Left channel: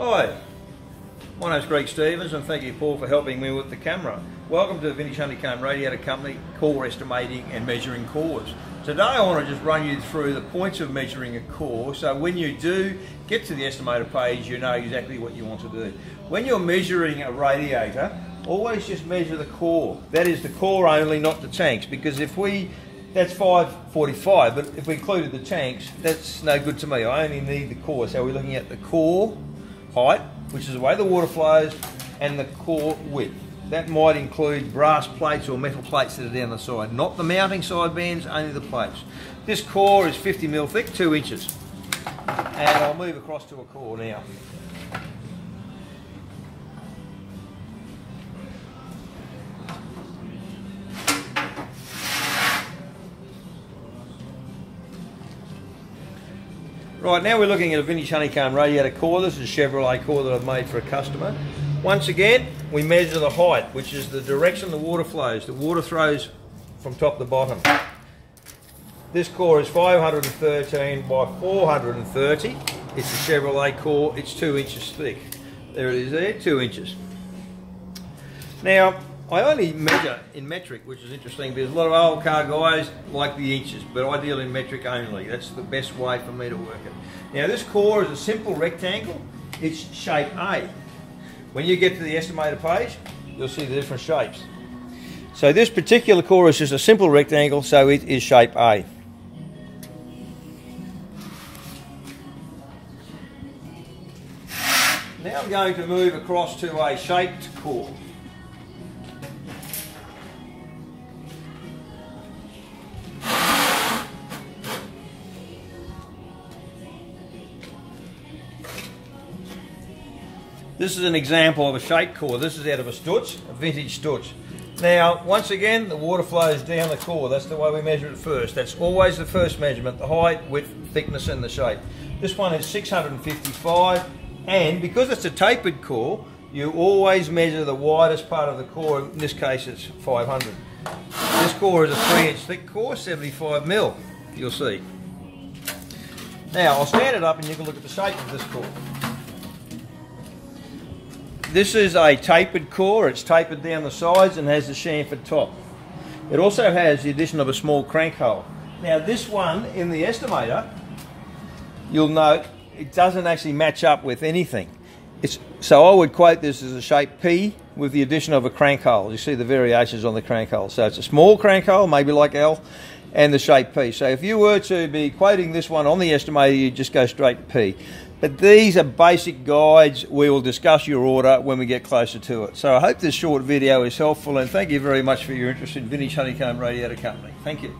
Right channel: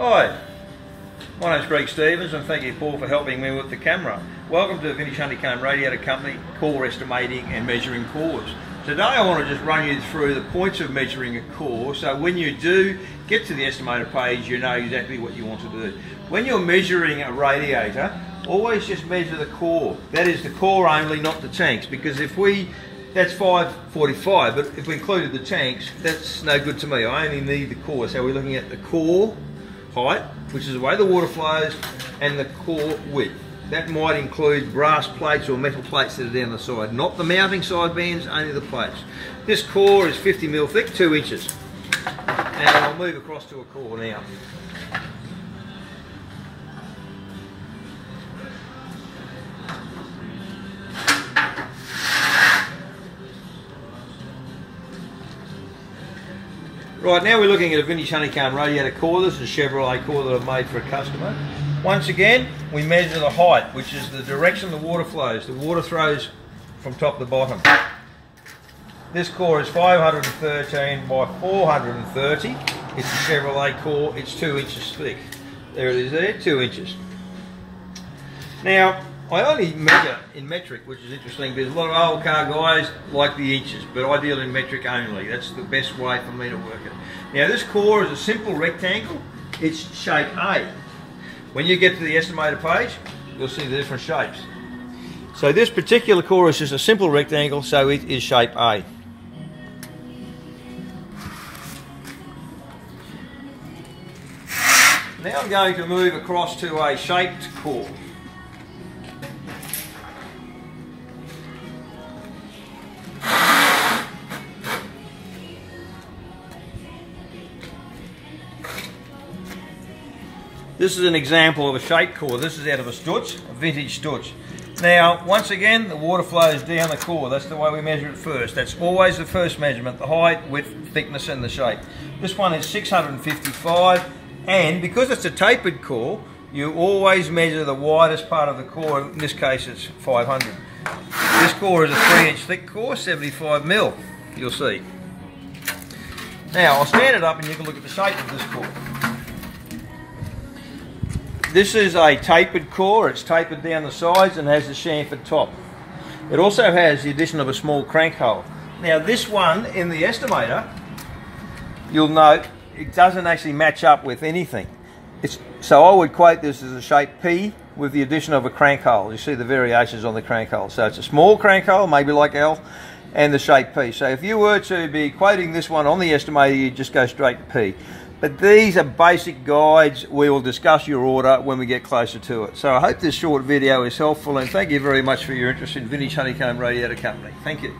Hi, my name's Greg Stevens and thank you, Paul, for helping me with the camera. Welcome to the Vintage Honeycomb Radiator Company core estimating and measuring cores. Today I want to just run you through the points of measuring a core, so when you do get to the estimator page you know exactly what you want to do. When you're measuring a radiator, always just measure the core. That is the core only, not the tanks, because that's 545, but if we included the tanks, that's no good to me. I only need the core. So we're looking at the core height, which is the way the water flows, and the core width. That might include brass plates or metal plates that are down the side, not the mounting side bands, only the plates. This core is 50mm thick, 2 inches. And I'll move across to a core now. Right, now we're looking at a Vintage Honeycomb radiator core. This is a Chevrolet core that I've made for a customer. Once again, we measure the height, which is the direction the water flows. The water throws from top to bottom. This core is 513 by 430. It's a Chevrolet core. It's 2 inches thick. There it is there, 2 inches. Now, I only measure in metric, which is interesting because a lot of old car guys like the inches, but I deal in metric only. That's the best way for me to work it. Now this core is a simple rectangle. It's shape A. When you get to the estimator page, you'll see the different shapes. So this particular core is just a simple rectangle, so it is shape A. Now I'm going to move across to a shaped core. This is an example of a shaped core. This is out of a Stutz, a vintage Stutz. Now, once again, the water flows down the core. That's the way we measure it first. That's always the first measurement, the height, width, thickness and the shape. This one is 655, and because it's a tapered core, you always measure the widest part of the core. In this case, it's 500. This core is a 3-inch thick core, 75mm, you'll see. Now, I'll stand it up and you can look at the shape of this core. This is a tapered core. It's tapered down the sides and has the chamfered top. It also has the addition of a small crank hole. Now this one in the estimator, you'll note it doesn't actually match up with anything. So I would quote this as a shape P with the addition of a crank hole. You see the variations on the crank hole. So it's a small crank hole, maybe like L, and the shape P. So if you were to be quoting this one on the estimator, you'd just go straight to P. But these are basic guides. We will discuss your order when we get closer to it. So I hope this short video is helpful, and thank you very much for your interest in Vintage Honeycomb Radiator Company. Thank you.